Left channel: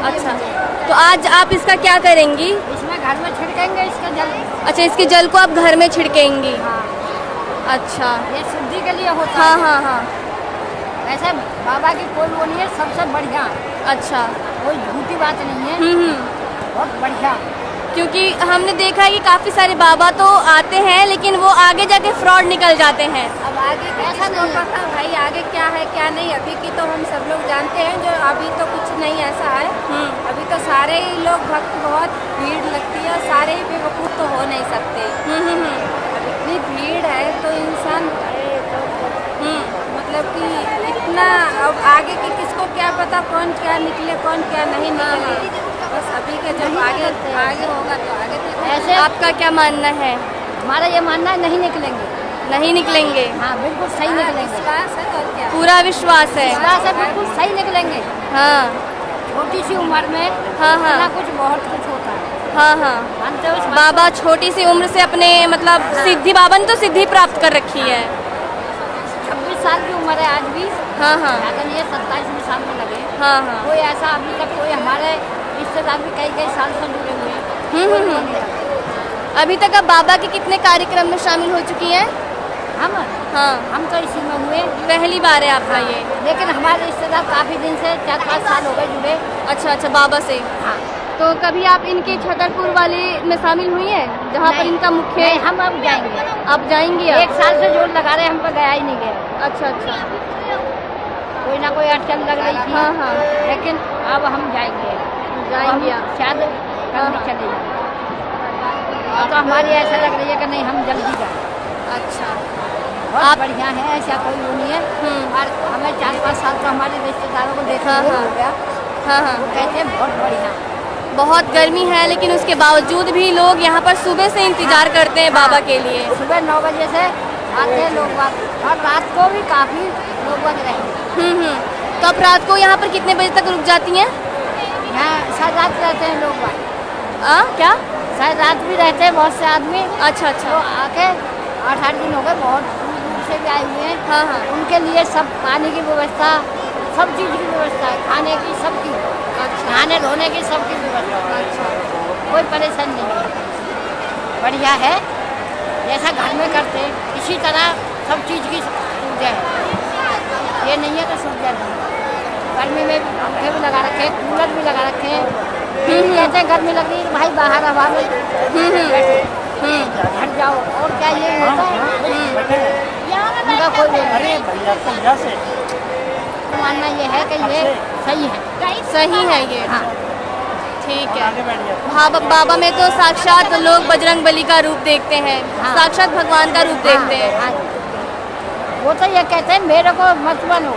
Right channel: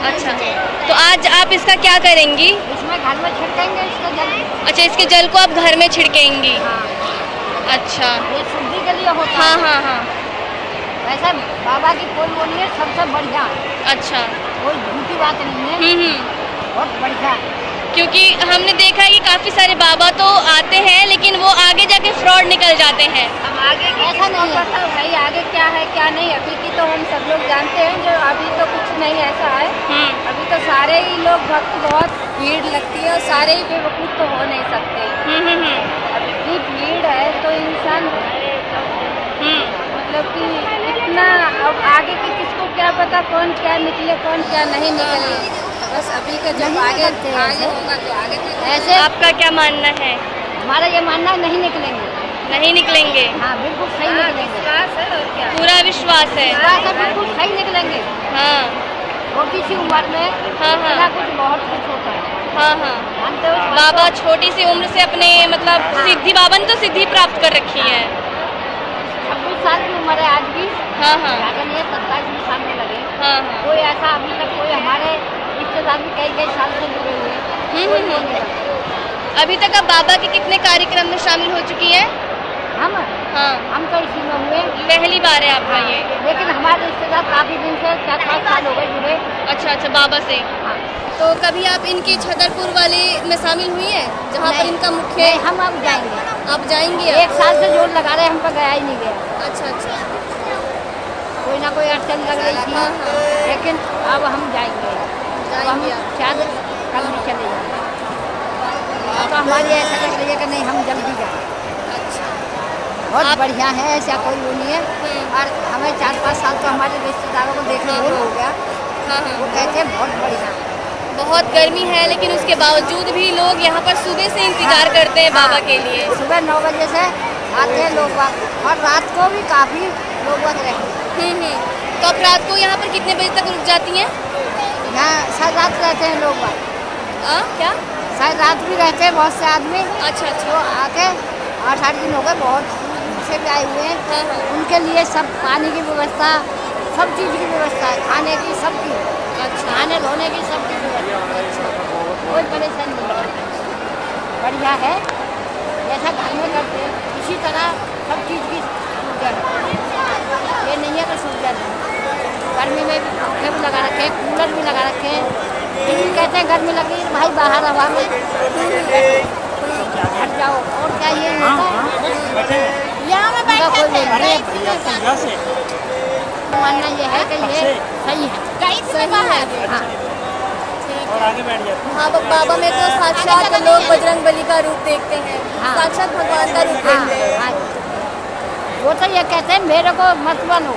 अच्छा, तो आज आप इसका क्या करेंगी? इसमें घर में छिड़केंगे इसका जल। अच्छा, इसके जल को आप घर में छिड़केंगी? हाँ। अच्छा, ये शुद्धि के लिए होता हाँ है। हाँ हाँ। ऐसा बाबा की कोई वो नहीं है, सबसे बढ़िया है। अच्छा, कोई झूठी बात नहीं है, बहुत बढ़िया है। क्योंकि हमने देखा है कि काफी सारे बाबा तो आते हैं लेकिन वो आगे जाके फ्रॉड निकल जाते हैं। अब आगे ऐसा नहीं होता भाई, आगे क्या है क्या नहीं अभी की तो हम सब लोग जानते हैं। जो अभी तो कुछ नहीं ऐसा है, अभी तो सारे ही लोग भक्त, बहुत भीड़ लगती है और सारे ही बेवकूफ़ तो हो नहीं सकते। अब इतनी भीड़ है तो इंसान मतलब कि इतना, अब आगे की किसको क्या पता कौन क्या निकले कौन क्या नहीं निकले। बस अभी का जब आगे होगा तो आगे ऐसे। आपका क्या मानना है? हमारा ये मानना है नहीं निकलेंगे। नहीं निकलेंगे? हाँ बिल्कुल सही निकलेंगे। विश्वास है और क्या? पूरा विश्वास है? विश्वास है, बिल्कुल सही निकलेंगे। हाँ। छोटी सी उम्र में इतना कुछ बहुत कुछ होता है। हाँ हाँ, मानते हो? बाबा छोटी सी उम्र से अपने मतलब सिद्धि, बाबा ने तो सिद्धि प्राप्त कर रखी है। 26 साल की उम्र है आज भी। हाँ हाँ। अगर ये 27 साल में लगे। हाँ हाँ। कोई ऐसा अभी तक कोई हमारे रिश्तेदार भी कई साल से जुड़े हुए हैं, कोई वो नहीं लगा। अभी तक आप बाबा के कितने कार्यक्रम में शामिल हो चुकी हैं? हम तो इसी में हुए। पहली बार है आपका? ये लेकिन हमारे रिश्तेदार काफी दिन से 4-5 साल हो गए जुड़े। अच्छा अच्छा, बाबा से। हाँ। तो कभी आप इनके छतरपुर वाले में शामिल हुई हैं जहाँ पर इनका मुख्य? नहीं, हम अब जाएंगे। आप जाएंगी? 1 साल से जोर लगा रहे, हम पर गया ही नहीं गया। अच्छा अच्छा, कोई ना कोई अड़चन लग रही थी। हाँ हाँ। लेकिन अब हम जाएंगे, हम शायद कल भी चले जाएंगे। अब तो हमारी ऐसा लग रही है कि नहीं हम जल्दी जाएं। अच्छा, बहुत बढ़िया है, ऐसा कोई वो नहीं है। और हमें 4-5 साल तो हमारे रिश्तेदारों को देखने हुए हो गया। वो कहते हैं बहुत बढ़िया है। बहुत गर्मी है लेकिन उसके बावजूद भी लोग यहाँ पर सुबह से इंतजार करते हैं बाबा के लिए। सुबह 9 बजे से आते हैं लोग बाग, और रात को भी काफी लोग बाग रहते हैं। कब रात को यहाँ पर कितने बजे तक रुक जाती हैं? यहाँ शायद रात रहते हैं लोग बाग। क्या? शायद रात भी रहते हैं बहुत से आदमी। अच्छा अच्छा। तो आके 8-8 दिन हो गए, बहुत दूर से भी आए हुए हैं। हाँ हाँ। उनके लिए सब पानी की व्यवस्था, सब चीज़ की व्यवस्था है, खाने की सबकी। अच्छा। नहाने धोने की सबकी व्यवस्था। अच्छा। कोई परेशानी नहीं है, बढ़िया है। जैसा घर में करते इसी तरह सब चीज़ की सुविधा है। ये नहीं है तो सुविधा नहीं। गर्मी में भी पंखे भी लगा रखे हैं, कूलर भी लगा रखे हैं। कहते हैं गर्मी लग रही है भाई बाहर हवा में घर जाओ, और क्या यही होता है? उनका कोई भैया से मानना ये है कि ये सही है। सही है ये? हाँ। ठीक है। आगे बैठ जाते हैं। हाँ, बाबा में तो साक्षात लोग बजरंग बली का रूप देखते हैं। हाँ। साक्षात भगवान का रूप देखते हैं। हाँ। वो तो ये कहते हैं मेरे को मत मानो,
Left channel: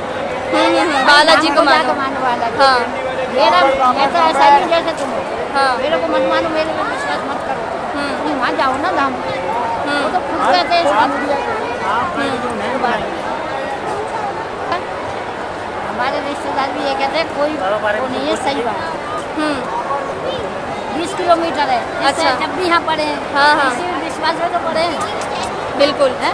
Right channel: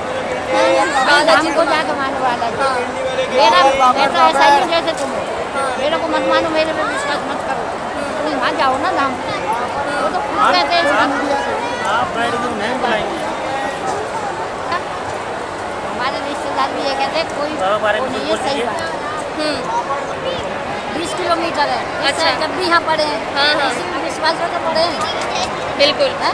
बालाजी को जाकर मानो बालाजी। मेरा मैं तो ऐसा ही जैसे तुम हो। मेरे को मत मानो, मेरे को विश्वास मत करो। तुम वहाँ जाओ ना धाम। वो तो खुद कहते हैं हमारे रिश्तेदार भी ये कहते हैं कोई नहीं है, सही बात। 20 किलोमीटर है। अच्छा। जब भी यहाँ पढ़े हैं इसी विश्वास में तो पढ़े हैं। बिल्कुल है।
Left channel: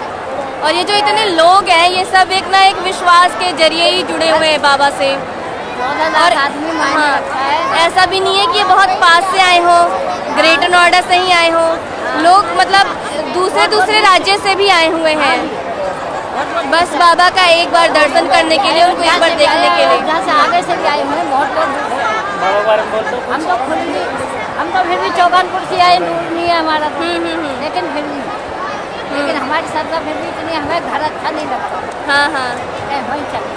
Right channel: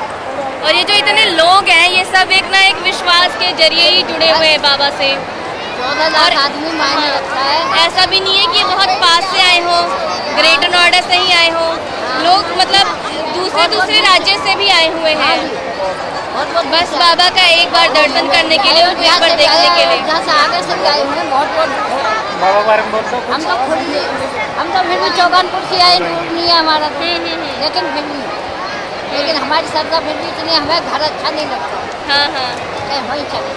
और ये जो इतने लोग हैं ये सब एक ना एक विश्वास के जरिए ही जुड़े हुए हैं बाबा से। 14 लाख आदमी मायने रखता है। ऐसा भी नहीं है कि बहुत पास से आए हो, ग्रेटर नोएडा से ही आए हो। लोग मतलब दूसरे राज्य से भी आए हुए हैं। बस बाबा का एक बार दर्शन करने के लिए, उनको एक बार देखने के लिए। जहाँ से आगे से भी आए हैं, बहुत हम तो फिर भी चौगानपुर से आए, दूर नहीं है हमारा। लेकिन फिर भी हमारी श्रद्धा फिर भी इतनी, हमें घर अच्छा नहीं लगता। वहीं चले।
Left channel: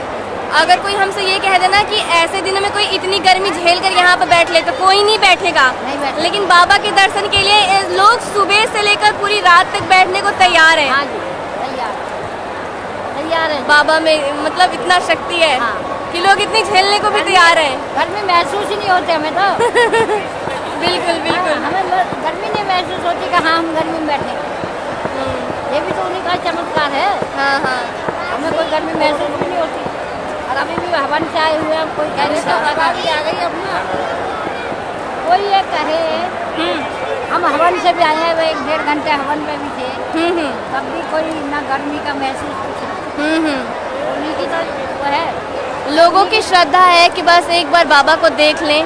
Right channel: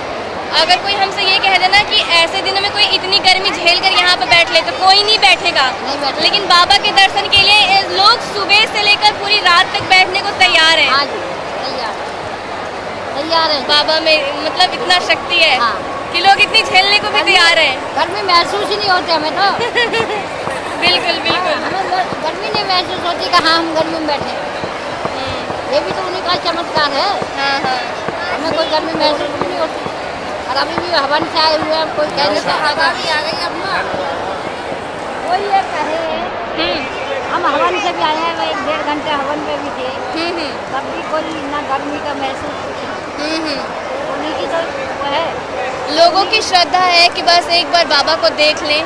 अगर कोई हमसे ये कह देना कि ऐसे दिनों में कोई इतनी गर्मी झेल कर यहाँ पर बैठ ले तो कोई नहीं बैठेगा। लेकिन बाबा के दर्शन के लिए लोग सुबह से लेकर पूरी रात तक बैठने को तैयार है। हाँ जी, तैयार है। बाबा में मतलब इतना शक्ति है कि लोग इतनी झेलने को भी तैयार है। गर्मी महसूस ही नहीं होती हमें तो। बिल्कुल बिल्कुल। हमें गर्मी नहीं महसूस होती कि हाँ हम गर्मी में बैठे। ये भी तो उन्हीं का चमत्कार है। हमें कोई गर्मी महसूस भी नहीं होती। और अभी भी हवन से आए हुए हैं, कोई कह नहीं सकता था। कोई ये कहे हम हवन से भी आए हैं, 1-1.5 घंटे हवन में भी थे। तब भी कोई ना गर्मी का महसूस उन्हीं की तो वो है। लोगों की श्रद्धा है कि बस एक बार बाबा को देख लें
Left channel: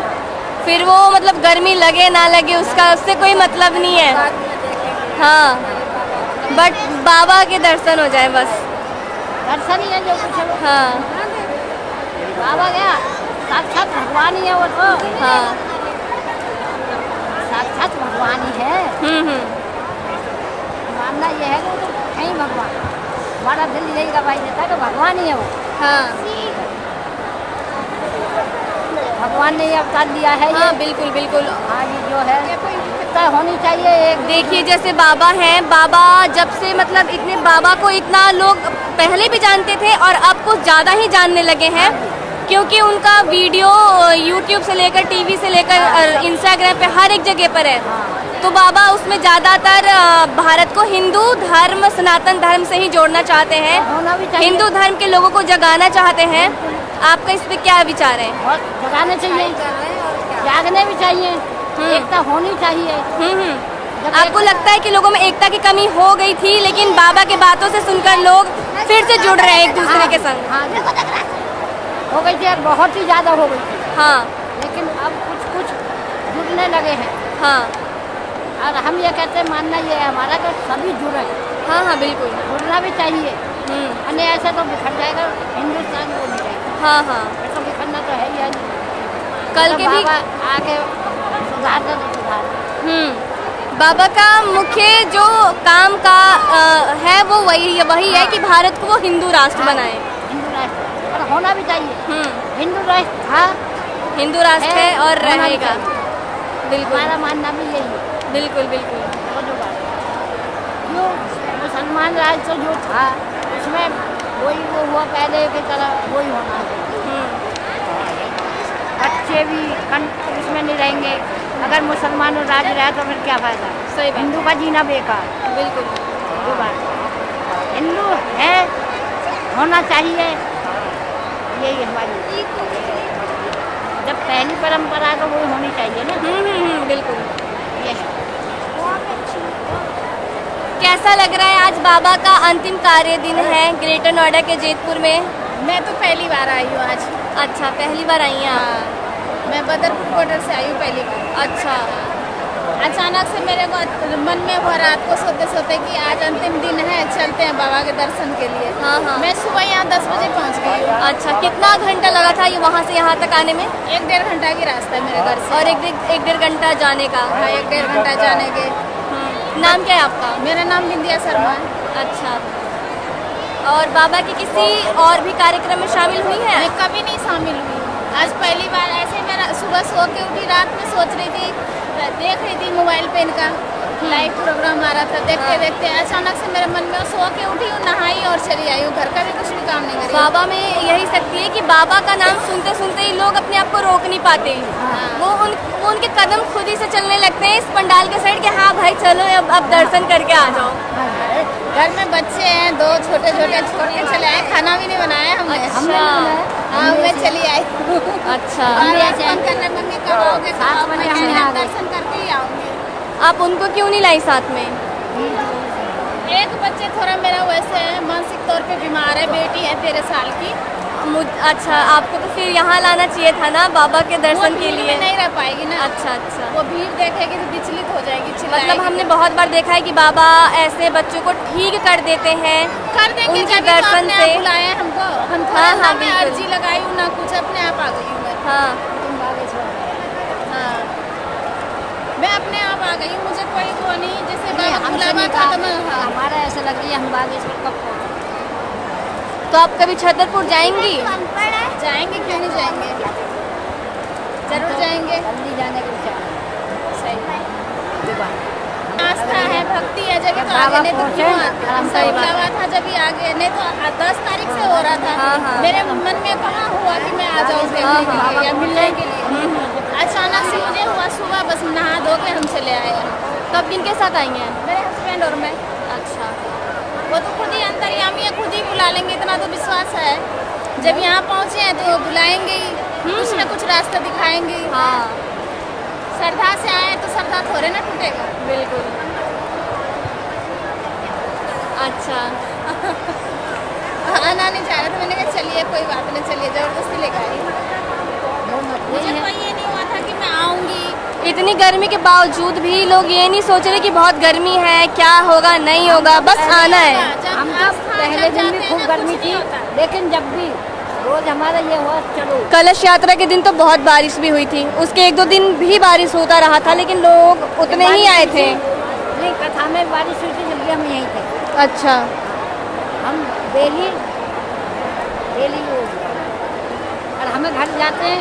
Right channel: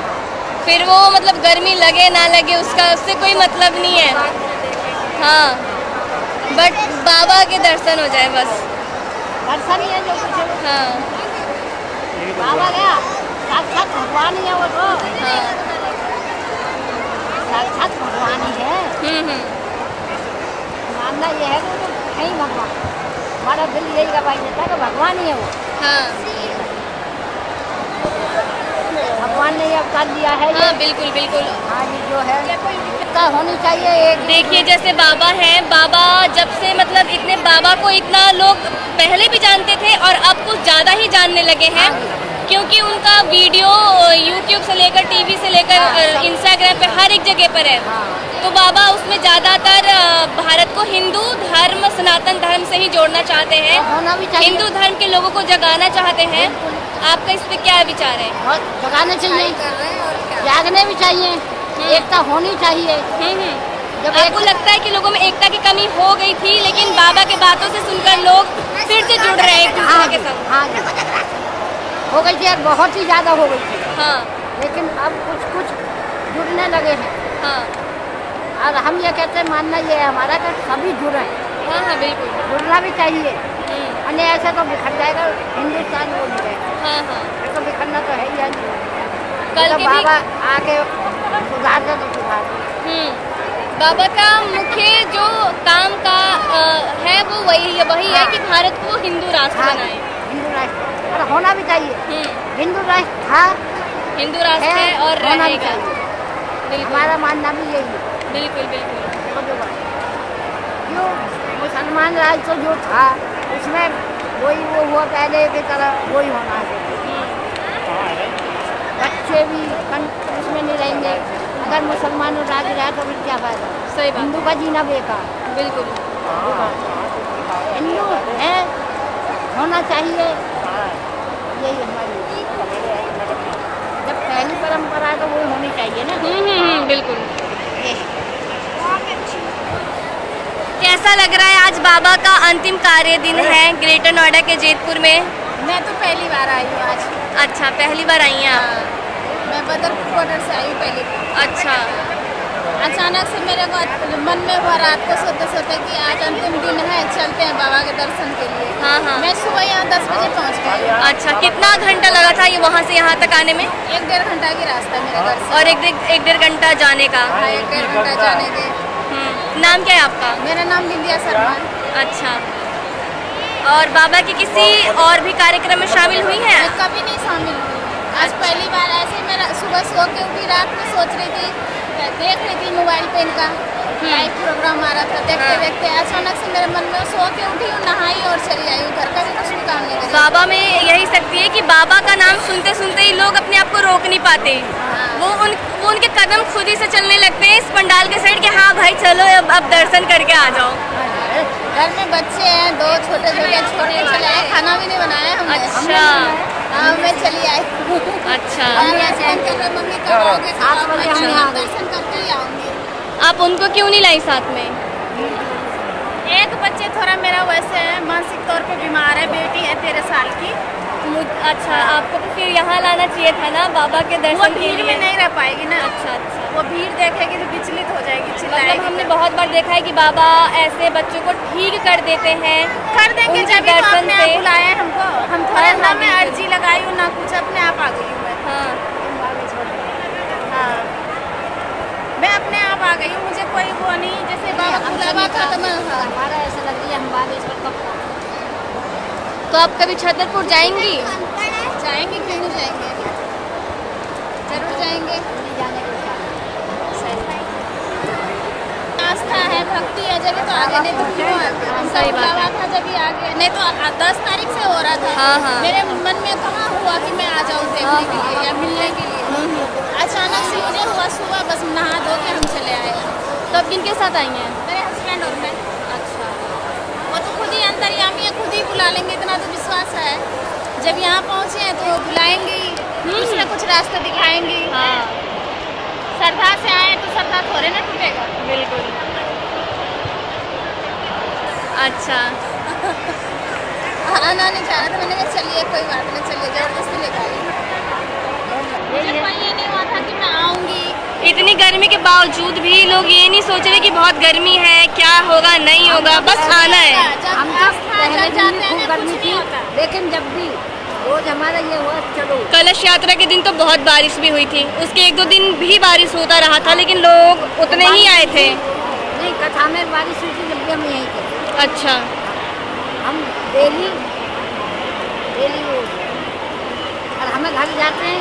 फिर वो मतलब गर्मी लगे ना लगे उसका उससे कोई मतलब नहीं है। हाँ, बट बाबा के दर्शन हो जाए बस। दर्शन ही है जो कुछ है। हाँ, बाबा क्या साक्षात भगवान ही है वो तो। हाँ, साक्षात भगवान ही है। मानना ये है कि वो तो है ही भगवान। हमारा दिल यही गवाही देता है कि भगवान ही है वो। हाँ, भगवान ने ये अवतार लिया है। हाँ, ये बिल्कुल बिल्कुल। हाँ जी, जो है इतना होनी चाहिए एक। देखिए जैसे बाबा हैं, बाबा जब से मतलब इतने बाबा को इतना लोग पहले भी जानते थे और अब कुछ ज्यादा ही जानने लगे हैं, क्योंकि उनका वीडियो यूट्यूब से लेकर टीवी से लेकर इंस्टाग्राम पे हर एक जगह पर है। तो बाबा उसमें ज्यादातर भारत को हिंदू धर्म, सनातन धर्म से ही जोड़ना चाहते हैं, होना भी चाहिए। हिंदू धर्म के लोगों को जगाना चाहते हैं। आपका इस पे क्या विचार है? बहुत जगाना चाहिए, जागने भी चाहिए, एकता होनी चाहिए। जब आपको लगता है कि लोगों में एकता की कमी हो गई थी, लेकिन बाबा की बातों से सुनकर लोग फिर से जुड़ रहे हैं एक दूसरे के संग? हाँ जी, हो गई थी, बहुत ही ज्यादा हो गई थी। हाँ, लेकिन अब कुछ कुछ जुड़ने लगे हैं। हाँ, और हम ये कहते हैं, मानना ये है हमारा कि सभी जुड़े। हाँ, हाँ, बिल्कुल जुड़ना भी चाहिए, अन्य ऐसा तो बिखर जाएगा हिंदुस्तान, वो नहीं जाएगा। हाँ, हाँ, फिर तो बिखरना तो है ही है। कल तो के बाबा आके सुधार दे तो सुधार। बाबा का मुख्य जो काम का है वो वही है कि भारत को हिंदू राष्ट्र बनाए। हिंदू राष्ट्र और होना भी चाहिए। हिंदू राष्ट्र था, हिंदू राष्ट्र है और रहेगा। बिल्कुल, हमारा मानना भी यही है। बिल्कुल बिल्कुल। जो बात जो मुसलमान राज तो जो था उसमें वही वो हुआ पहले की तरह, वही होना चाहिए। बच्चे भी उसमें नहीं रहेंगे। अगर मुसलमान राज रहा तो फिर क्या फायदा? सही बात। हिंदू का जीना बेकार। बिल्कुल, जो बात हिंदू है होना चाहिए, यही हमारी जब पहली परंपरा तो वो होनी चाहिए ना। बिल्कुल। ये है। कैसा लग रहा है आज बाबा का अंतिम कार्य दिन है ग्रेटर नोएडा के जेतपुर में? मैं तो पहली बार आई हूँ आज। अच्छा, पहली बार आई हैं आप? मैं बदरपुर बॉर्डर से आई हूँ पहली बार। अच्छा। अचानक से मेरे को मन में हुआ रात को सोते सोते कि आज अंतिम दिन है, चलते हैं बाबा के दर्शन के लिए। हाँ, हाँ। मैं सुबह यहाँ 10 बजे पहुँच गई। अच्छा, कितना घंटा लगा था ये वहाँ से यहाँ तक आने में? 1-1.5 घंटा की रास्ता मेरे घर से। और 1-1.5 घंटा जाने का? 1-1.5 घंटा जाने के। नाम क्या है आपका? मेरा नाम बिंदिया शर्मा। अच्छा, और बाबा के किसी और भी कार्यक्रम में शामिल हुई हैं? मैं कभी नहीं शामिल हुई, आज पहली बार। ऐसे मैं सुबह सो के उठी, रात में सोच रही थी, देख रही थी मोबाइल पे इनका लाइव प्रोग्राम आ रहा था। देखते देखते अचानक से मेरे मन में सो के उठी हूँ, नहाई और चली आई हूँ। घर का भी कुछ भी काम नहीं करी। बाबा में यही शक्ति है कि बाबा का नाम सुनते सुनते ही लोग अपने आप को रोक नहीं पाते। वो उनके कदम खुद ही से चलने लगते हैं इस पंडाल के साइड कि हाँ भाई चलो अब दर्शन करके आ जाओ। घर में बच्चे हैं 2 छोटे छोटे चले आए, खाना भी नहीं बनाया हमने। अच्छा। हाँ, मैं चली आई। अच्छा। फोन कर रहे मम्मी कब आओगे? दर्शन करके ही आऊंगी। आप उनको क्यों नहीं लाई साथ में? एक बच्चे थोड़ा मेरा वैसे है, मानसिक तौर पे बीमार है, बेटी है 13 साल की। अच्छा, आपको तो फिर यहाँ लाना चाहिए था ना बाबा के दर्शन के लिए। भीड़ में नहीं रह पाएगी ना। अच्छा। वो भीड़ देखेगी तो विचलित हो जाएगी। मतलब हमने बहुत बार देखा है कि बाबा ऐसे बच्चों को ठीक कर देते हैं। कर देंगे जब दर्शन से बुलाए हमको। हम थोड़ा हाँ, मैं अर्जी लगाई हूँ ना कुछ, अपने आप आ गई हूँ मैं। हाँ, मैं अपने आप आ गई हूँ, मुझे कोई वो नहीं। जैसे बाबा बुलावा था तो मैं हमारा ऐसा लग रही है हम बागेश्वर कब तो आप कभी छतरपुर जाएंगी? जाएंगे, क्यों नहीं जाएंगे, जरूर जाएंगे। जल्दी जाने को सही आस्था है, भक्ति है, जब तो आगे, नहीं तो क्यों आते? उनका बुलावा था जब भी आगे, नहीं तो 10 तारीख से हो रहा था। हाँ। मेरे मन में कहाँ हुआ कि मैं आ जाऊँ देखने के लिए या मिलने के लिए। अचानक से मुझे हुआ सुबह, बस नहा धो के हम चले आए। तो अब किनके साथ आई हैं? मेरे हस्बैंड और मैं। अच्छा। वो तो खुद ही अंतर्यामी है, खुद ही बुला लेंगे, इतना तो विश्वास है। जब यहाँ पहुँचे हैं तो वो बुलाएंगे ही, कुछ न कुछ रास्ता दिखाएंगे। हाँ, श्रद्धा से आए तो श्रद्धा थोड़े ना टूटेगा। बिल्कुल। अच्छा। आना नहीं चाह रहा था, मैंने कहा चलिए कोई बात नहीं, चलिए जबरदस्ती लेकर आई। मुझे कोई ये नहीं हुआ था कि मैं आऊँ इतनी गर्मी के बावजूद भी लोग ये नहीं सोच रहे कि बहुत गर्मी है, क्या होगा नहीं होगा, बस आना है। हम पहले दिन खूब गर्मी थी, लेकिन जब भी रोज हमारा ये हुआ चलो। कलश यात्रा के दिन तो बहुत बारिश भी हुई थी, उसके 1-2 दिन भी बारिश होता रहा था, लेकिन लोग उतने ही आए थे। ये कथा में बारिश हुई थी जब भी हम यहीं थे। अच्छा, हम डेली और हमें घर जाते हैं,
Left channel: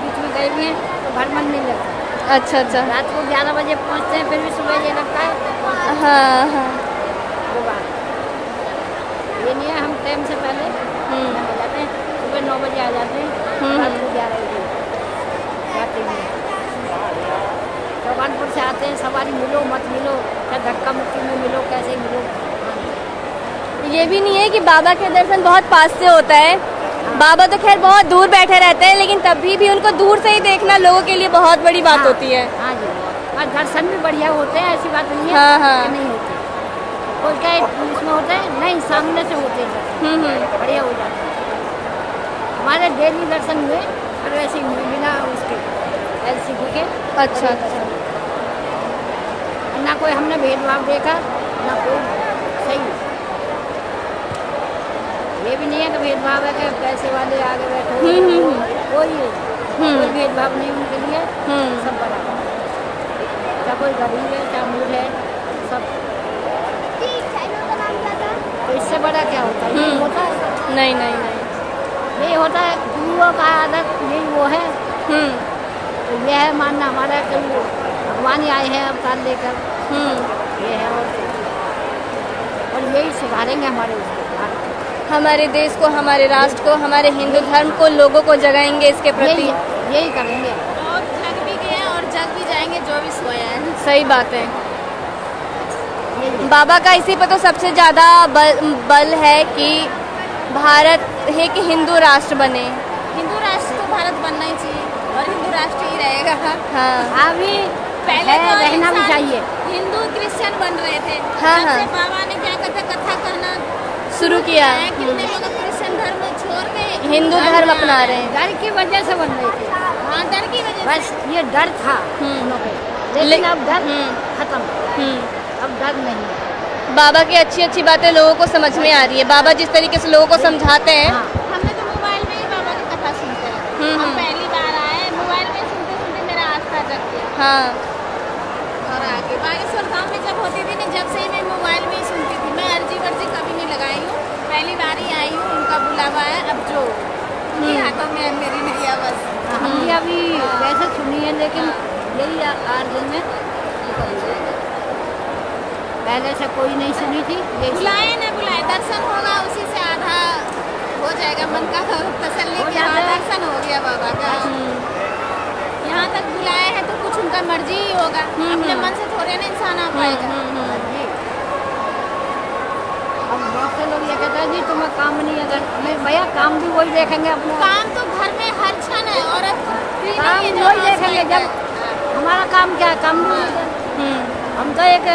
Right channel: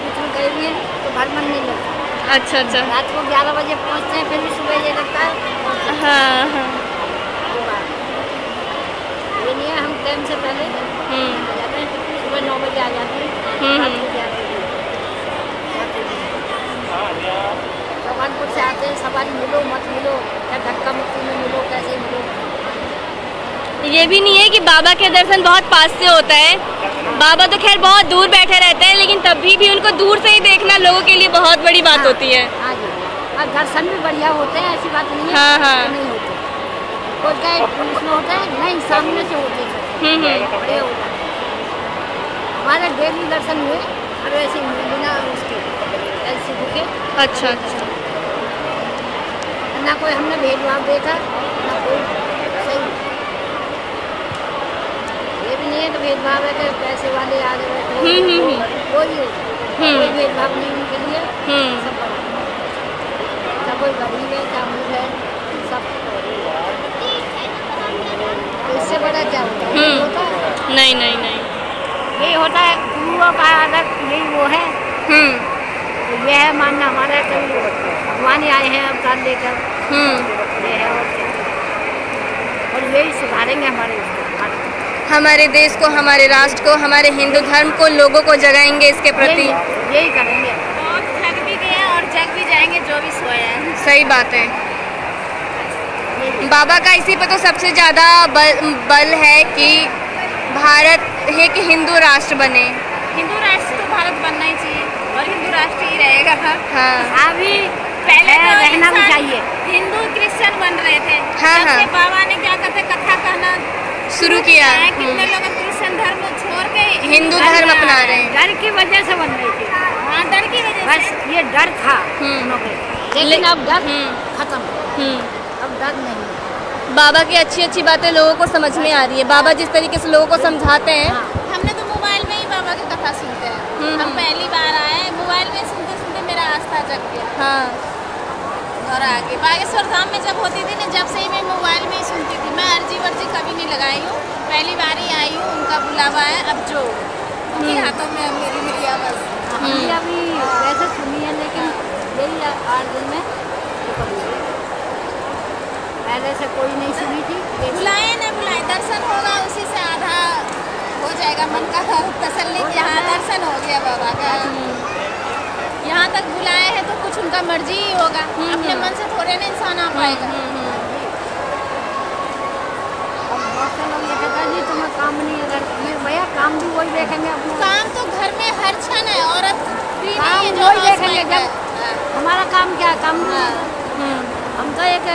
बीच में गए हैं तो घर मन नहीं लगता। अच्छा अच्छा। रात को 11 बजे पहुँचते हैं, फिर भी सुबह ये लगता है। हाँ हाँ। वो बात ये नहीं है, हम टाइम से पहले आ जाते हैं, सुबह 9 बजे आ जाते हैं, रात को 11 बजे आते हैं। भगवानपुर से आते हैं, सवारी मिलो मत मिलो, चाहे धक्का मुक्की में मिलो, कैसे मिलो। ये भी नहीं है कि बाबा के दर्शन बहुत पास से होता है। बाबा तो खैर बहुत दूर बैठे रहते हैं, लेकिन तभी भी उनको दूर से ही देखना लोगों के लिए बहुत बड़ी बात होती है। हाँ जी, और दर्शन भी बढ़िया होते हैं, ऐसी बात नहीं है। हाँ हाँ। नहीं होते, कोई कहे पुलिस में होते हैं, नहीं सामने से होते हैं, बढ़िया हो जाते हैं। हमारे डेली दर्शन हुए और वैसे बिना उसके ऐसे दिखे। अच्छा अच्छा। ना कोई हमने भेदभाव देखा, ना कोई सही। ये भी नहीं है कि भेदभाव है कि पैसे वाले आगे बैठे, कोई भेदभाव नहीं उनके लिए, सब बराबर। चाहे कोई गरीब है चाहे अमीर है, सब। तो इससे बड़ा क्या होता है? होता है नहीं नहीं नहीं, यही होता है गुरुओं का आदर, यही वो है। तो यह है मानना हमारा कि भगवान ही आए हैं अवतार लेकर, ये है। और क्या, और यही सुधारेंगे हमारे भारत, हमारे देश को, हमारे राष्ट्र को, हमारे हिंदू धर्म को, लोगों को जगाएंगे इसके प्रति। यही करेंगे। बहुत थक भी गए और जग भी जाएंगे जो भी सोया है। सही बात है। बाबा का इसी पर तो सबसे ज्यादा बल है कि भारत है कि हिंदू राष्ट्र बने। हिंदू राष्ट्र तो भारत बनना ही चाहिए और हिंदू राष्ट्र ही रहेगा। हाँ, अभी पहले तो रहना भी चाहिए। हिंदू क्रिश्चियन बन रहे थे। हाँ हाँ। बाबा ने क्या कहते कथा कहना शुरू किया। कितने लोग क्रिश्चियन धर्म छोड़ के हिंदू धर्म अपना रहे हैं। डर की वजह से बन रही थी। हाँ, डर की वजह से। बस ये डर था उन्हों पे, लेकिन अब डर खत्म, अब डर नहीं। बाबा की अच्छी अच्छी बातें लोगों को समझ में आ रही है। बाबा जिस तरीके से लोगों को समझाते हैं। हमने तो मोबाइल में ही बाबा की कथा सुनते हैं। हम पहली बार आए, मोबाइल में सुनते सुनते मेरा आस्था जग गया। हाँ। और आगे बागेश्वर धाम में जब होती थी ना, जब से ही मैं मोबाइल में ही सुनती थी। मैं अर्जी वर्जी कभी नहीं लगाई हूँ, पहली बार ही आई हूँ। उनका बुलावा है, अब जो उनके हाथों में मेरी नैया बस। अभी वैसे सुनी है, लेकिन यही 8 दिन में पहले से कोई नहीं सुनी थी। बुलाए न बुलाए, दर्शन होगा उसी से आधा हो जाएगा मन का तसल्ली कि हाँ दर्शन हो गया बाबा का। यहाँ तक बुलाए हैं तो कुछ उनका मर्जी ही होगा, अपने मन से थोड़े ना इंसान आ पाएगा। अब बहुत से लोग ये कहता है जी तुम्हें काम नहीं, अगर भैया काम भी वही देखेंगे अपना। काम तो घर में हर क्षण है, औरत काम है वही देखेंगे। जब हमारा काम क्या है, काम हम तो एक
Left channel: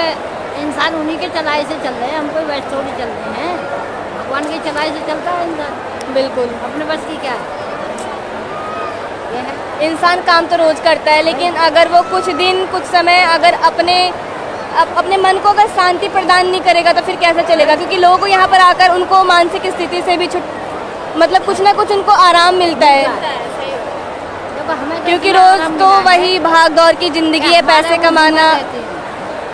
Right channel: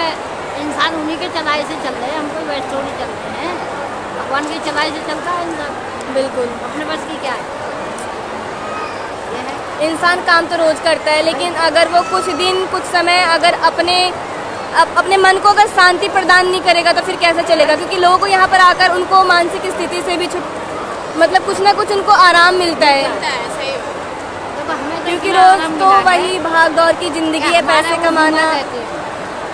इंसान उन्हीं के चलाई से चल रहे हैं, हम कोई वैसे थोड़ी चल रहे हैं। भगवान की चलाई से चलता है इंसान, बिल्कुल। अपने बस की क्या है। इंसान काम तो रोज करता है, लेकिन अगर वो कुछ दिन कुछ समय अगर अपने मन को अगर शांति प्रदान नहीं करेगा तो फिर कैसे चलेगा? क्योंकि लोगों को यहाँ पर आकर उनको मानसिक स्थिति से भी मतलब कुछ ना कुछ उनको आराम मिलता है। क्योंकि रोज तो वही भाग दौड़ की जिंदगी है, पैसे कमाना।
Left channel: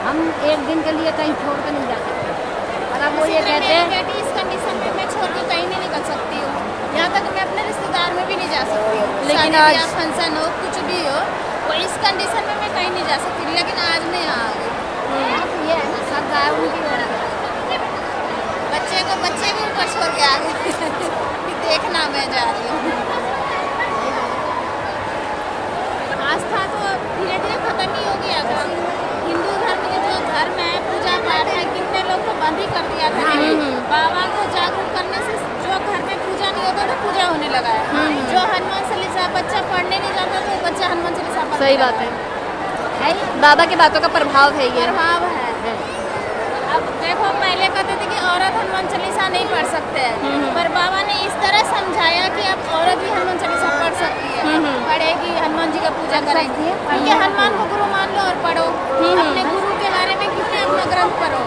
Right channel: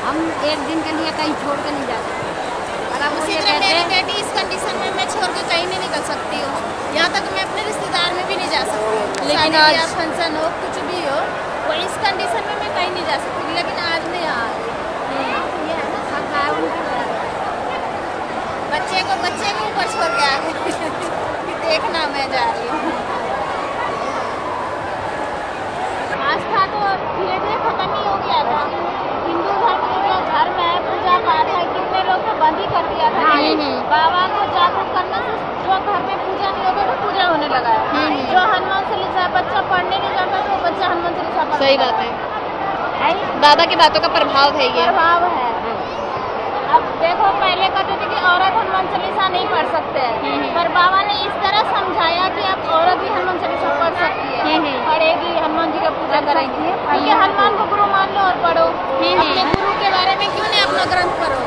हम एक दिन के लिए कहीं छोड़ के नहीं जा सकते। और अब वो ये कहते मेरी हैं बेटी इस कंडीशन में मैं छोड़ के कहीं नहीं निकल सकती हूँ। यहाँ तक मैं अपने रिश्तेदार में भी नहीं जा सकती हूँ। लेकिन शादी आज या फंक्शन हो, कुछ भी हो, वो इस कंडीशन में मैं कहीं नहीं जा सकती। लेकिन आज मैं यहाँ आ गई। ये सब गाय उनकी बच्चे भी ऊपर छोड़ के आ गए कि देखना मैं जा रही हूँ। आस्था तो धीरे धीरे खत्म ही हो गया था। हिंदू धर्म में जो धर्म है, पूजा पाठ है, कितने लोग को बंद ही कर दिया था। लेकिन बाबा को जागरूक करने से जो घर में पूजा नहीं होता तो पूजा होने लगा है। जो हनुमान चालीसा बच्चा पढ़ने नहीं जाता तो बच्चा हनुमान चालीसा पढ़ने। सही बात है। बाबा की बातों का प्रभाव है, ये प्रभाव है। अब देखो पहले कहते थे कि औरत हनुमान चालीसा नहीं पढ़ सकते हैं, पर बाबा ने इस तरह समझाया कि अब औरत भी हनुमान चालीसा पढ़ सकती है, पढ़ेगी, हनुमान जी का पूजा करेगी, क्योंकि हनुमान को गुरु मान लो और पढ़ो। अपने गुरु के बारे में क्यों नहीं अपना ग्रंथ पढ़ो।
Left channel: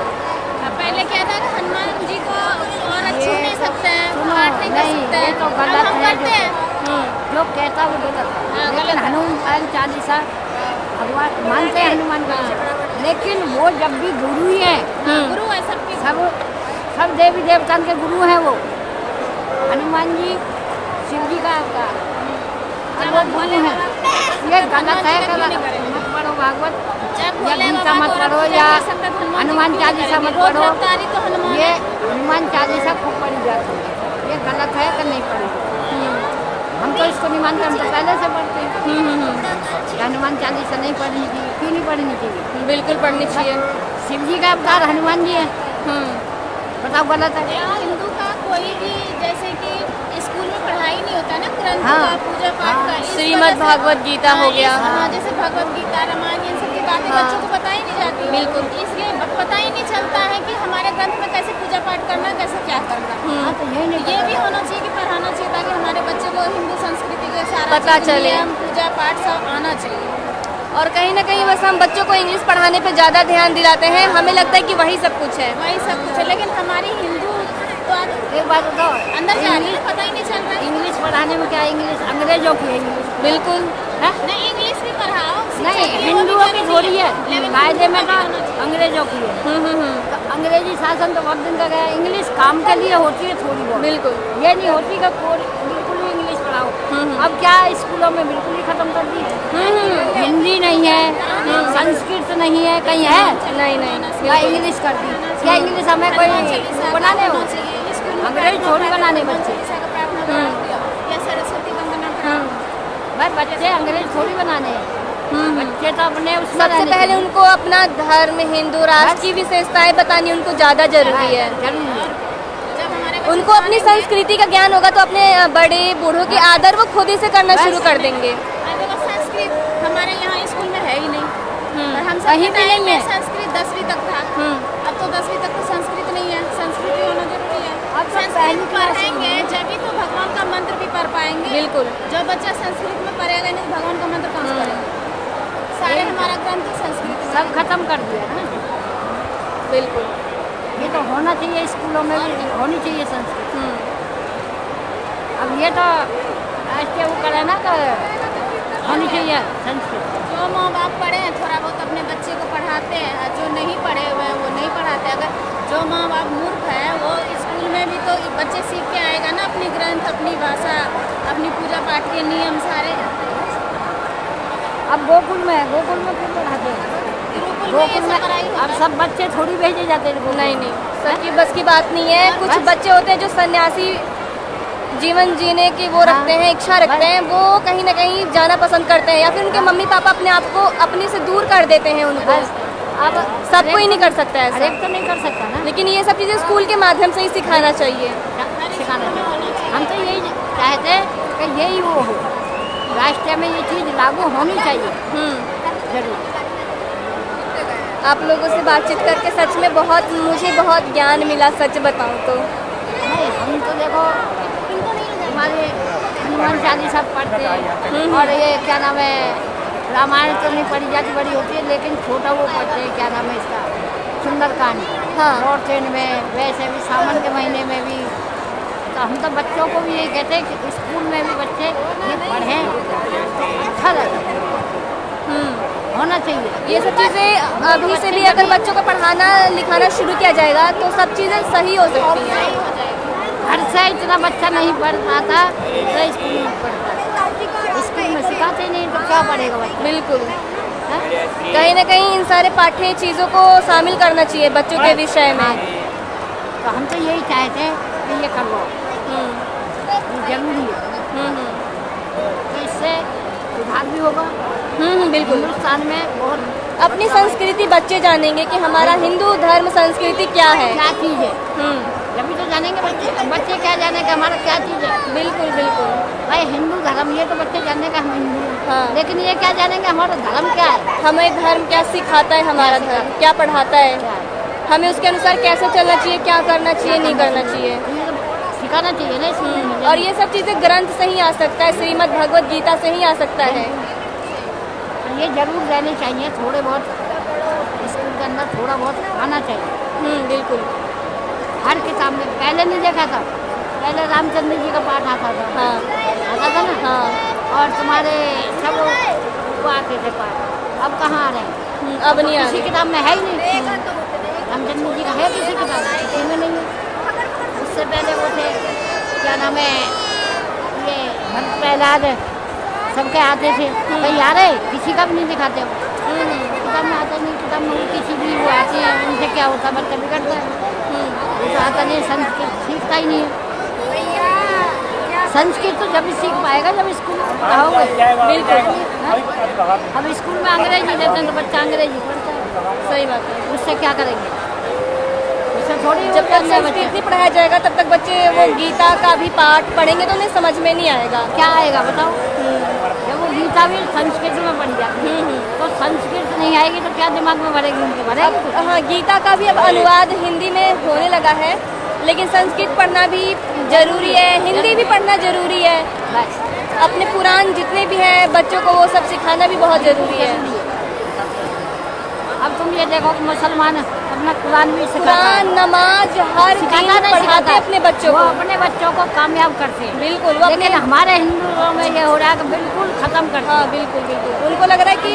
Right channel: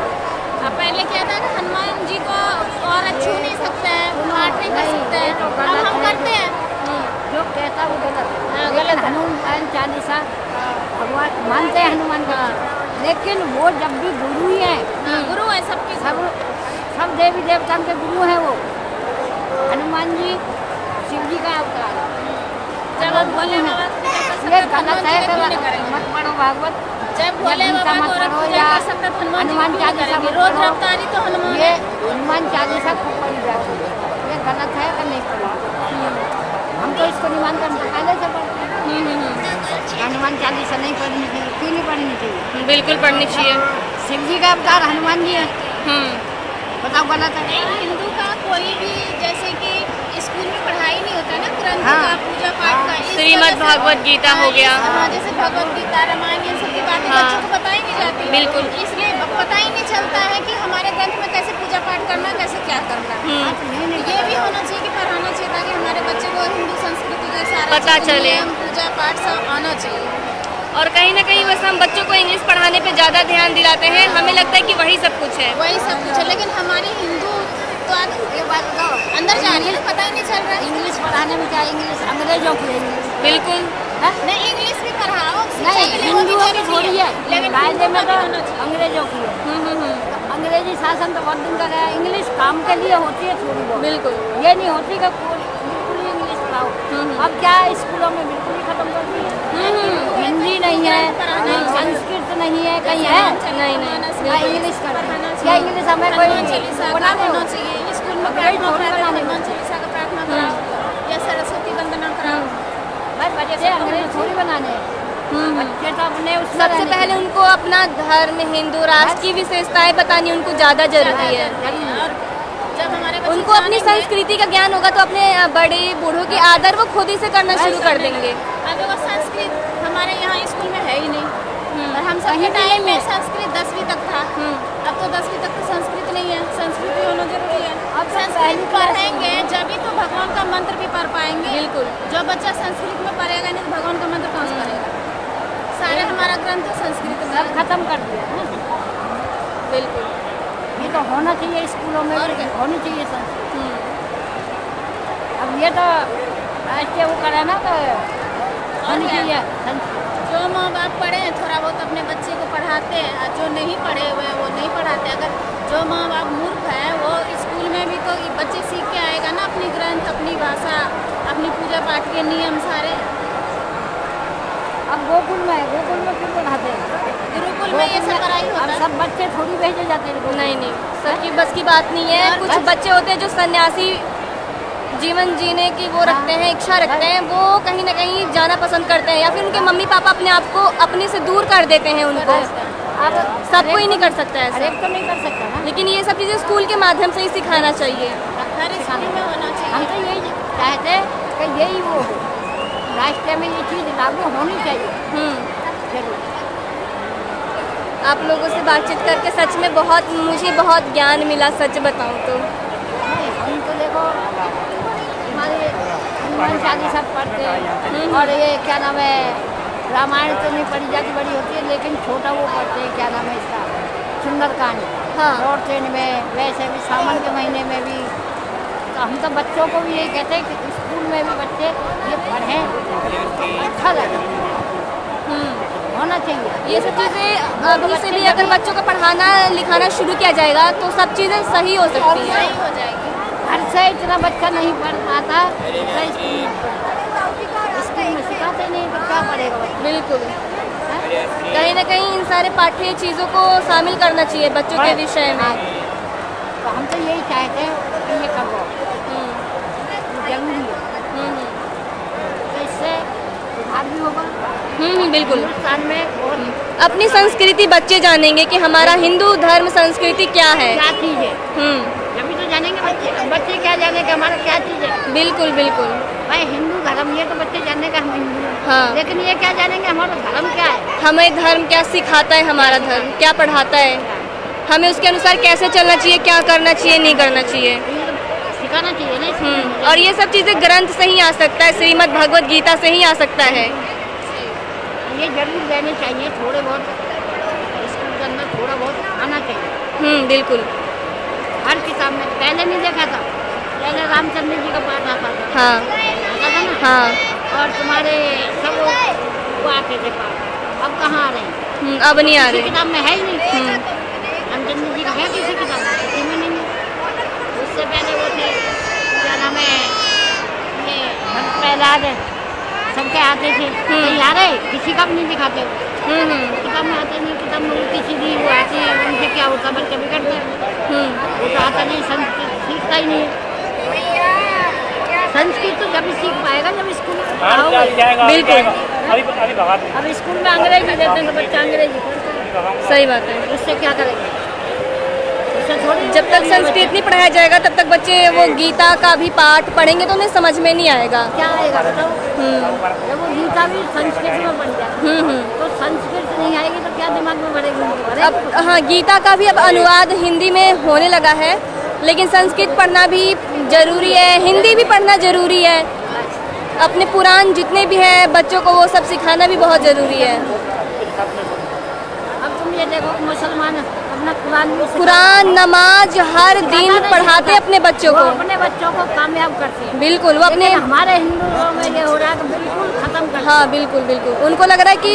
अब पहले क्या था कि हनुमान जी को औरत छू नहीं सकते हैं, पाठ नहीं कर सकते हैं, अब हम करते हैं। जो कहता वो लेकिन हनुमान चालीसा भगवान मानते हैं हनुमान का, लेकिन वो जब भी गुरु ही है, गुरु है सब देवी देवता के गुरु हैं वो। हनुमान जी शिव जी का अवतार है। ये गलत है कि मत पढ़ो भागवत, या गीता मत पढ़ो, या हनुमान चालीसा मत पढ़ो। ये हनुमान चालीसा खूब पढ़ी जाती है, ये गलत है कि नहीं पढ़ी। हम तो इसको नहीं मानते, हम तो पहले से पढ़ते हैं। हनुमान चालीसा नहीं पढ़नी चाहिए, क्यों नहीं पढ़नी चाहिए? बिल्कुल पढ़नी चाहिए। शिव जी का अवतार हनुमान जी है, बताओ गलत है? हिंदू का कोई भी जैसे कि स्कूल में पढ़ाई नहीं होता ना ग्रंथ का, पूजा पाठ का, श्रीमद् भागवत गीता हो गया, हाँ जैसे भगवत गीता, रामायण, इन सब की बातें बच्चों को पता ही नहीं जाती। बिल्कुल, इसलिए पता ही नहीं चलता है कि हमारे ग्रंथ में कैसे पूजा पाठ करना, कैसे क्या करना। ये भी होना चाहिए कि पढ़ाना चाहिए, ताकि हमारे बच्चे को हिंदू संस्कृति का सारा पता चले, पूजा पाठ सब आना चाहिए। और कहीं ना कहीं बस हम बच्चों को इंग्लिश पढ़ाने पे ज़्यादा ध्यान दिलाते हैं, हमें लगता है कि वही सब कुछ है, वही सब कुछ है, लेकिन हमारी हिंदू तो अंदर जा रही है, पता ही नहीं चल रहा। इंग्लिश पढ़ाने में क्या, इंग्लिश अंग्रेजों की इंग्लिश बिल्कुल नहीं, इंग्लिश भी पढ़ाओ, नहीं हिंदुओं की थोड़ी है, कायदे में तो अंग्रेजों की है। अंग्रेजी शासन तो बहुत दिन तक है, इंग्लिश काम के लिए होती है थोड़ी बहुत, बिल्कुल ये नहीं होती कि बिल्कुल ही इंग्लिश पढ़ाओ। अब क्या स्कूलों में बिल्कुल ही खत्म कर दी है, हिंदी नहीं है, संस्कृत नहीं है, कहीं है नहीं, या इंग्लिश कर दी, या इंग्लिश हमें कोई बनाने हो, अंग्रेजी थोड़ी बनाने बच्चे, या सरस्वती वंदना कराओ, बच्चे अंग्रेजी थोड़ी बनाने हैं। बच्चे तो अपने सबसे पहले उनको अपना धर्म, हिंदू राष्ट्र की विशेषताएं बतानी उनको ज्यादा जरूरी है। उनको अपनी संस्कृति का ज्ञान होगा तो अपने बड़े बूढ़ों के आदर वो खुद ही से करना शुरू कर देंगे। संस्कृत हमारे यहाँ स्कूल में है ही नहीं, और हम सब टाइम में संस्कृत 10वीं तक था, अब तो 10वीं तक तो संस्कृत नहीं है, संस्कृत भी होना जरूरी है। अब संस्कृत पढ़ेंगे जब तो भगवान का मंत्र भी पढ़ पाएंगे। बिल्कुल, जो बच्चा संस्कृत में पढ़ेगा नहीं तो भगवान का मंत्र कहाँ से पढ़ेगा? सारे हमारा ग्रंथ संस्कृत सब खत्म कर दिया है। बिल्कुल, ये तो होना चाहिए, स्कूलों में भी होनी चाहिए संस्कृत। अब ये तो राष्ट्रीय वो करे ना, तो होनी चाहिए संस्कृत। जो माँ बाप पढ़े हैं थोड़ा बहुत अपने बच्चे को पढ़ाते हैं, और जो नहीं पढ़े हुए वो नहीं पढ़ाते। अगर जो माँ बाप मूर्ख है वो स्कूल में भी तो बच्चे सीख के आएगा ना, अपनी ग्रंथ, अपनी भाषा, अपनी पूजा पाठ के नियम सारे। अब गोकुल में क्यों पढ़ाते हैं? गुरुकुल में अब सब बच्चे थोड़ी भेजे जाते हैं। नहीं, सबकी बस की बात नहीं है। कुछ बच्चे होते हैं जो सन्यासी जीवन जीने की वो रखते हैं, इच्छा रखते हैं, वो कहीं ना कहीं जाना पसंद करते हैं, या फिर उनके मम्मी पापा अपने आप को अपने से दूर कर देते हैं उनको। अब सब कोई नहीं कर सकता ऐसा, तो नहीं कर सकता ना, लेकिन ये सब चीजें स्कूल के माध्यम से ही सिखाना चाहिए। हम तो यही चाहते हैं कि यही वो हो, राष्ट्र में ये चीज लागू होनी चाहिए। जरूर। आप लोगों से बातचीत करके सच में मुझे बहुत ज्ञान मिला, सच बताऊं तो। नहीं, हम तो देखो हनुमान चालीसा पढ़ते हैं, और ये क्या नाम है, रामायण तो नहीं पढ़ी जाती, बड़ी होती है, लेकिन छोटा वो पढ़ते हैं, क्या नाम है इसका, सुंदरकांड। हाँ, नॉर्थन में वैसे भी सावन के महीने में भी। तो हम तो बच्चों को भी यही कहते हैं कि स्कूल में भी बच्चे ये पढ़ें तो अच्छा लगे, होना चाहिए। ये सब चीज़ें अभी से भी अगर बच्चों को पढ़ाना लिखाना शुरू किया जाएगा तो सब चीज़ें सही हो सकती हैं। घर से इतना बच्चा नहीं पढ़ पाता, स्कूल में सिखाते नहीं तो क्या पढ़ेगा बच्चा? बिल्कुल, कहीं ना कहीं इन सारे पाठ्य चीज़ों को शामिल करना चाहिए बच्चों के विषय में। तो हम तो यही चाहते हैं कि ये करवाओ, जरूरी है। तो इससे सुधार भी होगा। बिल्कुल, हिंदुस्तान में अपनी संस्कृति बच्चे जानेंगे कि हमारा हिंदू धर्म संस्कृति क्या है, क्या चीज़ है। जब तो जानेंगे बच्चे क्या जानेंगे हमारा क्या चीज़ है। बिल्कुल बिल्कुल, भाई हिंदू धर्म, ये तो बच्चे जानने का हम हिंदू हैं। हाँ, लेकिन ये क्या जानेंगे हमारा धर्म क्या है, हमें धर्म क्या सिखाता है, हमारा धर्म क्या पढ़ाता है। हमें उसके अनुसार कैसे चलना चाहिए, क्या करना चाहिए, नहीं करना चाहिए, सिखाना चाहिए ना। और ये सब चीज़ें ग्रंथ से ही आ सकता है, श्रीमद् भगवत गीता से ही आ सकता है। ये जरूर रहने चाहिए, थोड़े बहुत स्कूल के अंदर थोड़ा बहुत आना चाहिए। बिल्कुल। हर किताब में पहले नहीं देखा था, पहले रामचंद्र जी का पाठ आता था। हाँ। आता था ना। हाँ। और तुम्हारे सब वो आते थे पाठ, अब कहाँ आ रहे हैं? अब नहीं आ रहे। किताब में है ही नहीं। रामचंद्र जी का है किसी किताब में, किसी में नहीं है। उससे पहले वो थे, क्या नाम है, ये भक्त प्रहलाद है, सबके आते थे। तो यार है, किसी का भी नहीं दिखाते वो। किताब में आता नहीं, किताब में किसी भी वो आते हैं, उनसे क्या होता है, बच्चा बिगड़ता है। वो तो आता नहीं, संस्कृत सीखता ही नहीं है। संस्कृत तो जब भी सीख पाएगा जब स्कूल में पढ़ाओगे। बिल्कुल। अब स्कूल में अंग्रेजी देते हैं तो बच्चा अंग्रेजी पढ़ता है। सही बात है। उससे क्या करेंगे? उससे थोड़ी, जब तक संस्कृत नहीं पढ़ाया जाएगा तब तक बच्चे वो गीता का भी पाठ पढ़ेंगे तो उन्हें समझ में नहीं आएगा। क्या आएगा बताओ? जब वो गीता भी संस्कृत में पढ़ी जाती तो संस्कृत नहीं आएगी तो क्या दिमाग में भरेगी? अब हाँ, गीता का भी अब अनुवाद हिंदी में होने लगा है, लेकिन संस्कृत पढ़ना भी जरूरी है, हिंदी भी पढ़ना जरूरी है। अपने पुराण जितने भी है बच्चों को वो सब सिखाना भी बहुत जरूरी है। अब तुम ये देखो कि मुसलमान अपना कुरान नमाज हर दिन पढ़ाते अपने बच्चों को, अपने बच्चों को कामयाब करते हैं। बिल्कुल। वो अपने हमारे हिंदुओं में ये हो रहा है कि बिल्कुल खत्म कर। हाँ बिल्कुल बिल्कुल। उनको लग रहा है कि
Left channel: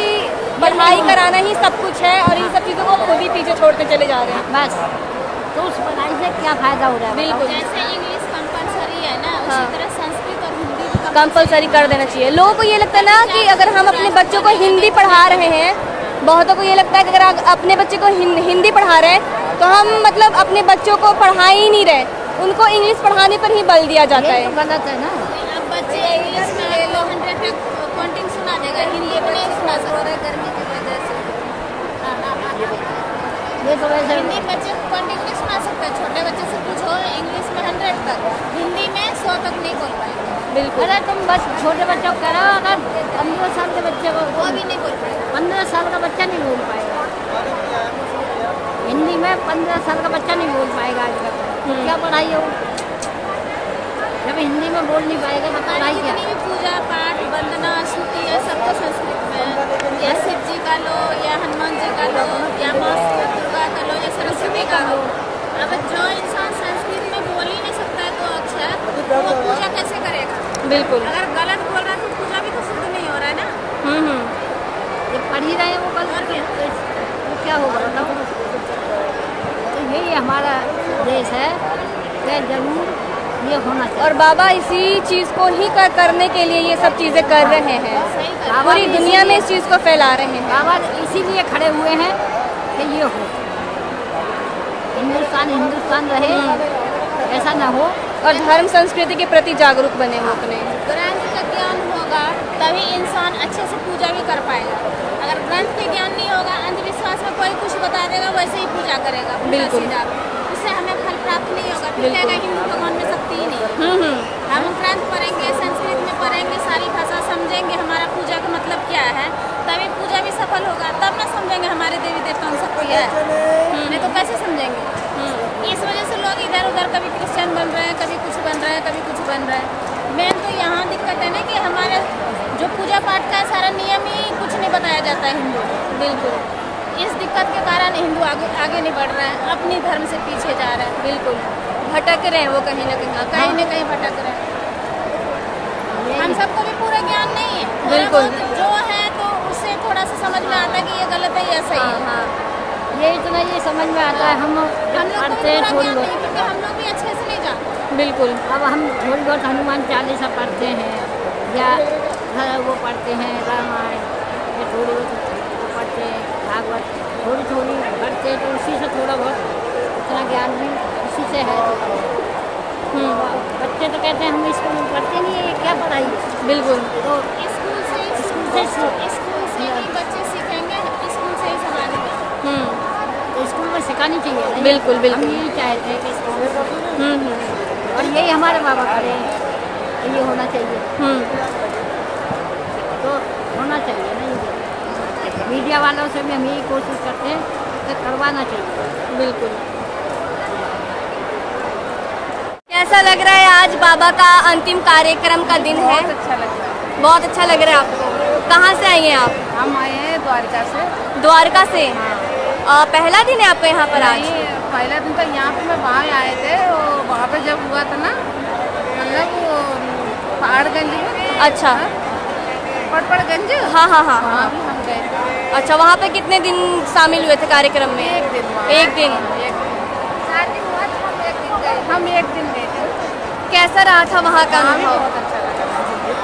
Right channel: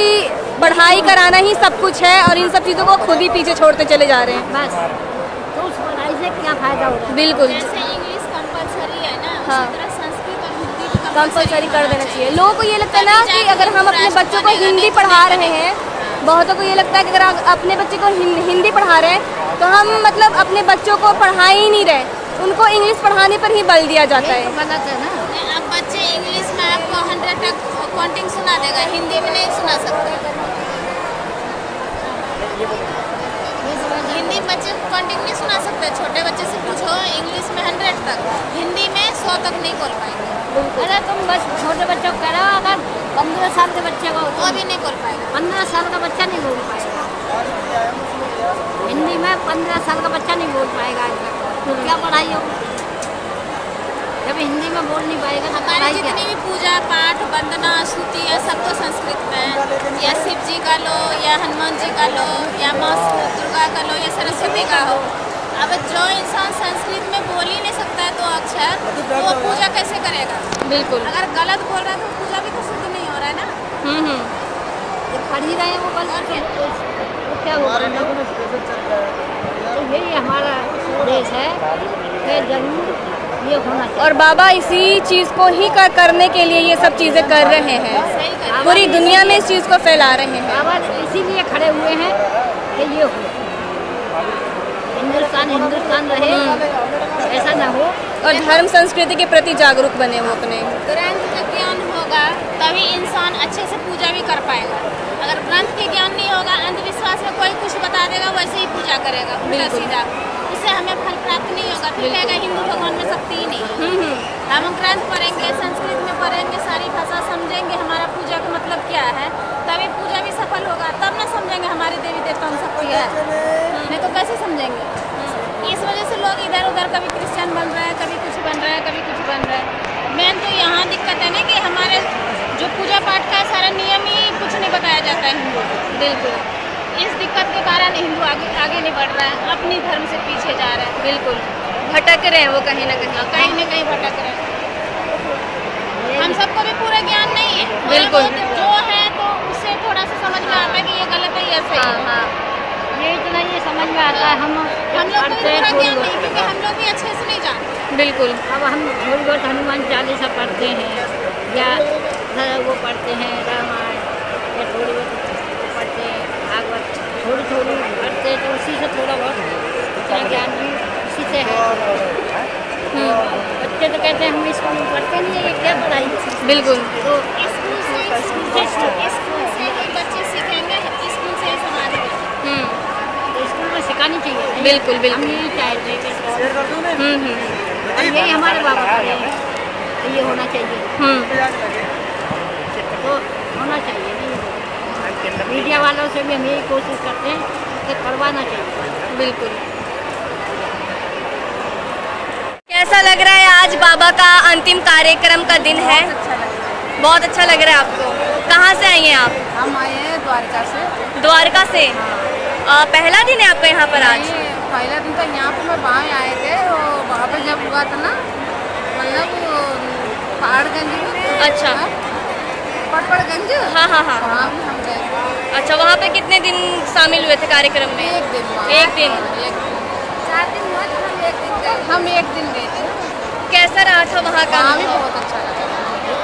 पढ़ाई कराना ही सब कुछ है और इन सब चीज़ों को खुद ही पीछे छोड़ते चले जा रहे हैं। बस तो उस पढ़ाई से क्या फायदा हो रहा है? बिल्कुल। जैसे इंग्लिश कंपलसरी है ना, हाँ, उसी तरह संस्कृत और हिंदी भी कंपलसरी कर देना चाहिए। लोगों को ये लगता है ना कि अगर हम अपने बच्चों को हिंदी पढ़ा रहे हैं, बहुतों को ये लगता है कि अगर आप अपने बच्चे को हिंदी पढ़ा रहे हैं तो हम मतलब अपने बच्चों को पढ़ा ही नहीं रहे, उनको इंग्लिश पढ़ाने पर ही बल दिया जाता है। गलत है ना। अब बच्चे इंग्लिश में आपको 100 तक काउंटिंग सुना देगा, हिंदी में नहीं सुना सकता। हिंदी बच्चे काउंटिंग नहीं सुना सकते। छोटे बच्चे से पूछो इंग्लिश में 100 तक, हिंदी में 100 तक नहीं बोल पाएंगे। बिल्कुल। अरे तुम बस छोटे बच्चों को करो, अगर 15 साल के बच्चे को, वो भी नहीं बोल पाएगा। 15 साल का बच्चा नहीं बोल पाएगा हिंदी में, 15 साल का बच्चा नहीं बोल पाएगा आज तक। तो क्या पढ़ाई हो जब हिंदी में बोल नहीं पाएगा तो पढ़ाई क्या? जितनी भी पूजा पाठ वंदना स्तुति है सब तो संस्कृत में, या शिव जी का लो, या हनुमान जी का लो, या माँ दुर्गा का लो, या सरस्वती का हो। अब जो इंसान संस्कृत में बोल ही नहीं सकता है तो अक्षर, तो वो पूजा कैसे करेगा? बिल्कुल। अगर गलत बोल रहा है तो पूजा भी तो शुद्ध नहीं हो रहा है ना। जो पढ़ ही रहे हैं वो गलत है तो क्या होगा? तो यही हमारा देश है कि जरूर ये होना चाहिए। और बाबा इसी चीज़ को ही करने के लिए ये सब चीज़ें कर रहे हैं, पूरी दुनिया में इस चीज़ को फैला रहे हैं। बाबा इसीलिए खड़े हुए हैं कि ये हो, हिंदुस्तान हिंदुस्तान रहे, ऐसा ना हो। और धर्म संस्कृति के प्रति जागरूक बने वो अपने। ग्रंथ का ज्ञान होगा तभी इंसान अच्छे से पूजा भी कर पाएगा। अगर ग्रंथ के ज्ञान नहीं होगा, अंधविश्वास में कोई कुछ बता देगा वैसे ही पूजा करेगा उल्टा सीधा, उससे हमें फल प्राप्त नहीं होगा। फिर कहेगा हिंदू भगवान में शक्ति ही नहीं है। हम ग्रंथ पढ़ेंगे, संस्कृत में पढ़ेंगे, सारी भाषा समझेंगे, हमारा पूजा का मतलब क्या है, तभी पूजा भी सफल होगा। तब ना समझेंगे हमारे देवी देवताओं में शक्ति है, नहीं तो कैसे समझेंगे? इस वजह से लोग इधर उधर कभी क्रिश्चियन बन रहे हैं, कभी कुछ बन रहे हैं, कभी कुछ बन रहे हैं। मेन तो यहाँ दिक्कत है ना कि हमारे जो पूजा पाठ का सारा नियम ही कुछ नहीं बताया जाता है हिंदू। बिल्कुल। इस दिक्कत के कारण हिंदू आगे नहीं बढ़ रहा है, अपनी धर्म से पीछे जा रहा है। बिल्कुल भटक रहे हैं वो कहीं ना कहीं भटक रहे हैं। हम सबको भी पूरा ज्ञान नहीं है, बिल्कुल जो है तो उससे थोड़ा सा समझ में आता है कि ये गलत है या सही है। हाँ ये इतना ये समझ में आता है। हम लोग को भी पूरा ज्ञान नहीं, क्योंकि हम लोग भी अच्छे से नहीं जानते। बिल्कुल। अब हम थोड़ी बहुत हनुमान चालीसा पढ़ते हैं या वो पढ़ते हैं रामायण, या थोड़ी बहुत पढ़ते हैं भागवत, थोड़ी पढ़ते हैं तो उसी से थोड़ा बहुत इतना ज्ञान भी उसी से है। बच्चे तो कहते हैं हम स्कूल में पढ़ते नहीं है, क्या पढ़ाई? बिल्कुल। तो स्कूल से ही बच्चे सीखेंगे, स्कूल से ही समाज में। तो स्कूल में सिखानी चाहिए। बिल्कुल हम यही चाहते हैं कि और यही हमारे बाबा करे तो ये होना चाहिए। तो होना चाहिए नहीं। मीडिया वालों से भी हम यही कोशिश करते हैं ये करवाना चाहिए। बिल्कुल। कैसा लग रहा है आज बाबा का अंतिम कार्यक्रम का दिन है? अच्छा लग रहा है। बहुत अच्छा लग रहा है आपको। कहाँ से आई हैं आप? हम आए हैं द्वारका से। द्वारका से। पहला दिन है आपका यहाँ पर आज? पहला दिन तो यहाँ पे मैं वहाँ आए थे, वहाँ पे जब हुआ था ना, मतलब पहाड़गंज। अच्छा। पटपड़गंज। हाँ हाँ हाँ। वहाँ भी हम गए। अच्छा, वहाँ पे कितने दिन शामिल हुए थे कार्यक्रम में? एक दिन। एक दिन। हम एक दिन गए थे। कैसा रहा था वहाँ का? वहाँ भी बहुत अच्छा लगा।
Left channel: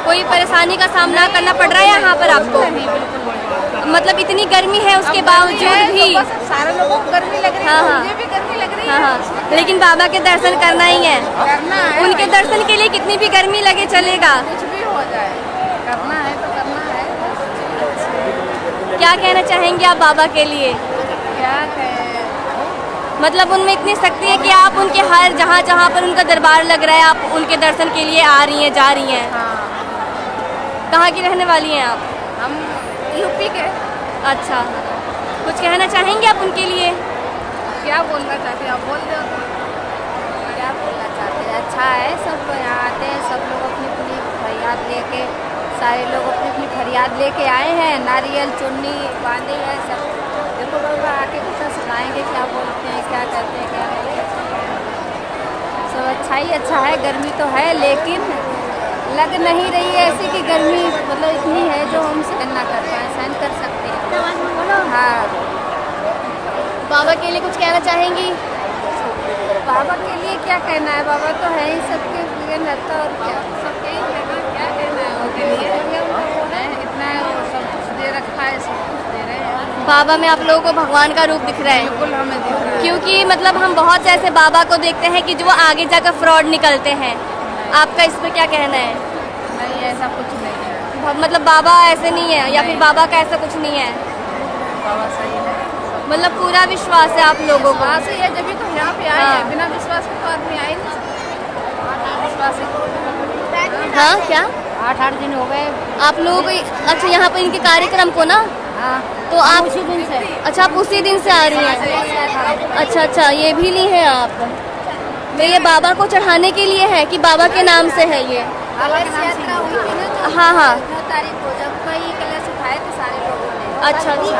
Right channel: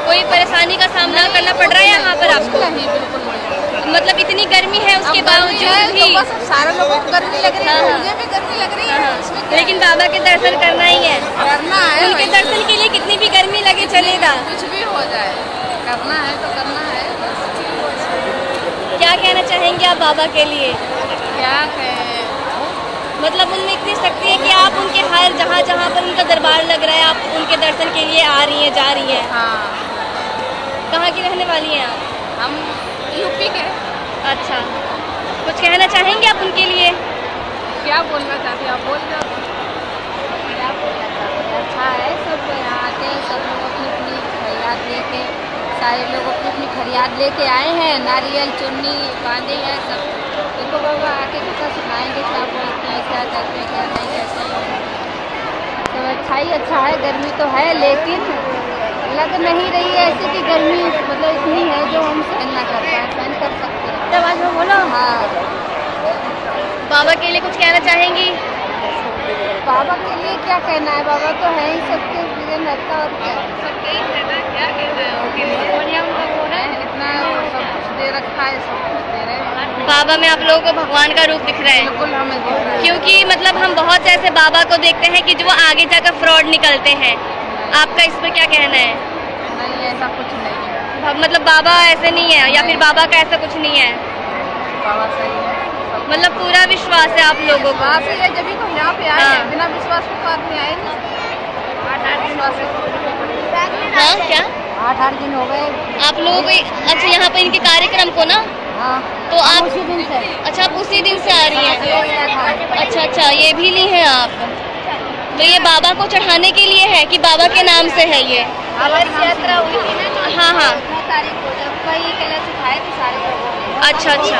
कोई परेशानी का सामना करना पड़ रहा है यहाँ पर आपको? नहीं, बिल्कुल नहीं। मतलब इतनी गर्मी है उसके बावजूद भी? तो बस सारे लोगों को गर्मी लग रही है। हाँ, हाँ। मुझे भी गर्मी लग रही है। हाँ, लेकिन बाबा के दर्शन करना ही है। करना है। उनके दर्शन के लिए कितनी भी गर्मी लगे चलेगा। कुछ भी हो जाए, करना है तो करना है बस। क्या कहना चाहेंगे आप बाबा के लिए? क्या कहें, मतलब उनमें इतनी शक्ति है कि आप उनके हर जहाँ जहाँ पर उनका दरबार लग रहा है आप उनके दर्शन के लिए आ रही हैं, जा रही हैं। हाँ। कहाँ की रहने वाली हैं आप? हम यूपी के। अच्छा, कुछ कहना चाहेंगे आप उनके लिए? क्या बोलना चाहते हैं आप? बोल दो। क्या बोलना चाहते हैं, अच्छा है सब यहाँ आते हैं, सब लोग अपनी अपनी फरियाद लेके, सारे लोग अपनी अपनी फरियाद लेके आए हैं, नारियल चुन्नी बांधे हैं सब। देखो बाबा आके कुछ सुनाएंगे, क्या बोलते हैं, क्या करते हैं, क्या नहीं करते हैं। सब अच्छा ही अच्छा है। गर्मी तो है लेकिन लग नहीं रही है ऐसी कि गर्मी मतलब इतनी है जो हम सहन ना कर पाए, सहन कर सकते हैं। बोलो। हाँ। बाबा के लिए कुछ कहना चाहेंगी? बाबा के लिए क्या कहना है, बाबा तो है ही सबके लिए रहता, और क्या बढ़िया उनका वो है, इतना सब कुछ दे रखा है, सब कुछ दे रहे हैं। बाबा में आप लोगों को भगवान का रूप दिख रहा है? बिल्कुल हमें, क्योंकि मतलब हम बहुत से ऐसे बाबा को देखते हैं कि जो वो आगे जाकर फ्रॉड निकलते हैं। आपका इस पर क्या कहना है? नहीं ऐसा कुछ नहीं है। मतलब बाबा ऐसे नहीं है या फिर बाबा का ऐसा कुछ नहीं है? बाबा सही है। मतलब पूरा विश्वास है आप लोगों को? वहाँ से ये जब भी तो यहाँ पे आए हाँ। हैं, बिना विश्वास के तो आदमी आए नहीं। विश्वास है। हाँ, क्या 8 दिन हो गए। आप लोग? अच्छा, यहाँ पर इनके कार्यक्रम को ना, हाँ तो आप उसी दिन से। अच्छा, आप उसी दिन से आ रही हैं? अच्छा अच्छा, ये भी ली है आप? तो ये बाबा को चढ़ाने के लिए है कि बाबा के नाम से है ये? यात्रा हुई थी ना, हाँ हाँ। 9 तारीख को जब कई कलश उठाए थे सारे लोगों ने। अच्छा अच्छा।